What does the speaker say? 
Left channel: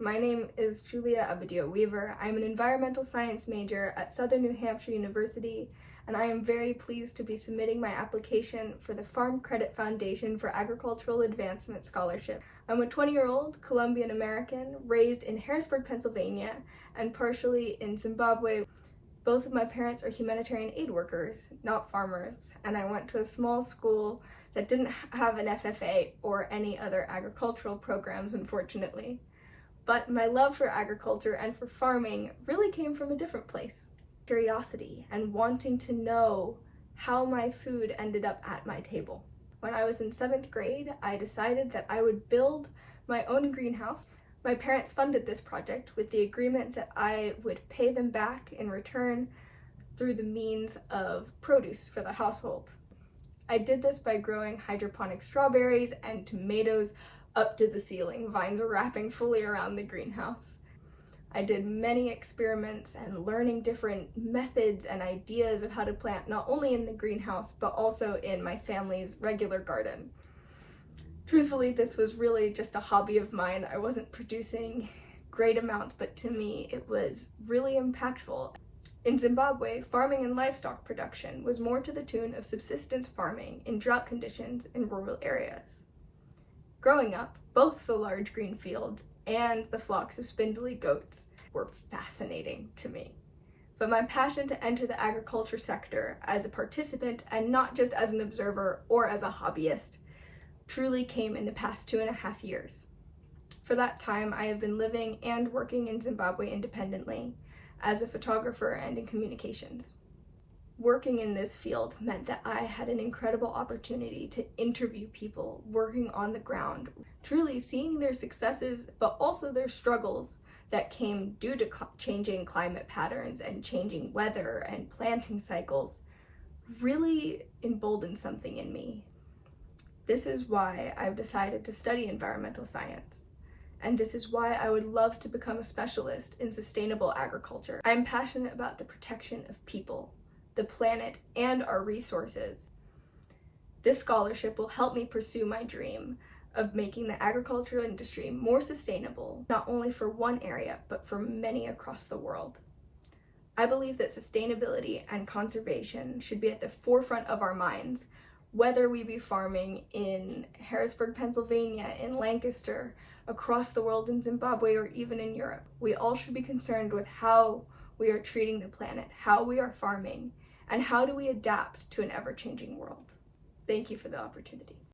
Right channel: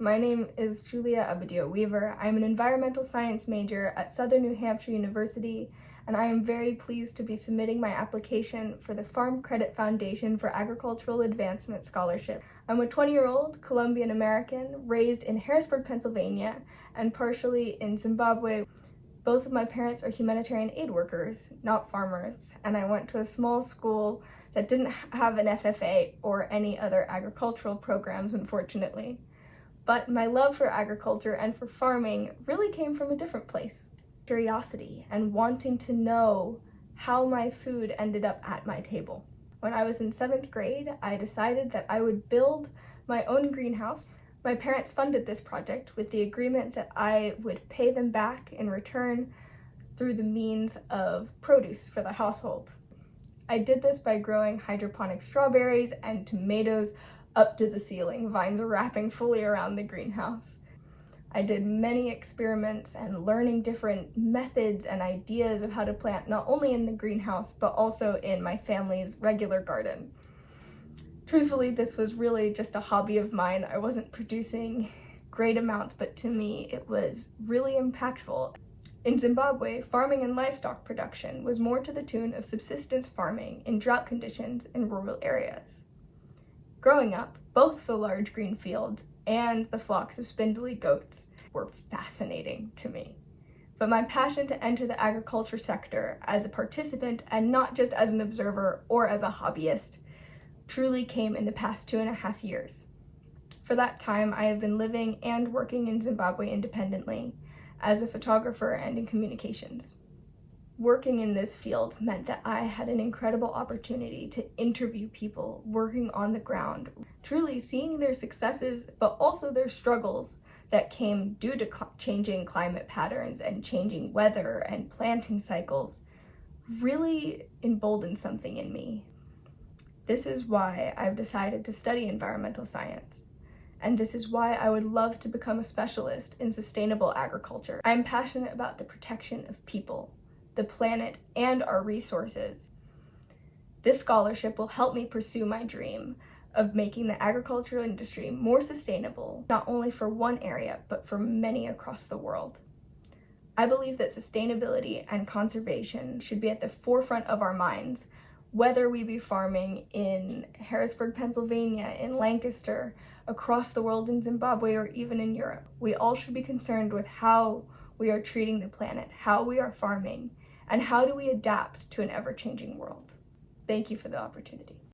My name is Julia Abadio Weaver. I'm an environmental science major at Southern New Hampshire University, and I am very pleased to be submitting my application for the Farm Credit Foundation for Agricultural Advancement Scholarship. I'm a 20-year-old Colombian American raised in Harrisburg, Pennsylvania, and partially in Zimbabwe. Both of my parents are humanitarian aid workers, not farmers, and I went to a small school that didn't have an FFA or any other agricultural programs, unfortunately. But my love for agriculture and for farming really came from a different place. Curiosity and wanting to know how my food ended up at my table. When I was in 7th grade, I decided that I would build my own greenhouse. My parents funded this project with the agreement that I would pay them back in return through the means of produce for the household. I did this by growing hydroponic strawberries and tomatoes up to the ceiling. Vines are wrapping fully around the greenhouse. I did many experiments and learning different methods and ideas of how to plant not only in the greenhouse, but also in my family's regular garden. Truthfully, this was really just a hobby of mine. I wasn't producing great amounts, but to me, it was really impactful. In Zimbabwe, farming and livestock production was more to the tune of subsistence farming in drought conditions in rural areas. Growing up, both the large green fields and the flocks of spindly goats were fascinating to me. But my passion to enter the agriculture sector as a participant and not just as an observer or as a hobbyist truly came in the past 2.5 years. For that time, I have been living and working in Zimbabwe independently as a photographer and in communications. Working in this field meant that I had an incredible opportunity to interview people working on the ground, truly seeing their successes, but also their struggles that came due to changing climate patterns and changing weather and planting cycles really emboldened something in me. This is why I've decided to study environmental science. And this is why I would love to become a specialist in sustainable agriculture. I'm passionate about the protection of people, the planet, and our resources. This scholarship will help me pursue my dream of making the agricultural industry more sustainable, not only for one area, but for many across the world. I believe that sustainability and conservation should be at the forefront of our minds, whether we be farming in Harrisburg, Pennsylvania, in Lancaster, across the world in Zimbabwe, or even in Europe. We all should be concerned with how we are treating the planet, how we are farming, and how do we adapt to an ever-changing world. Thank you for the opportunity.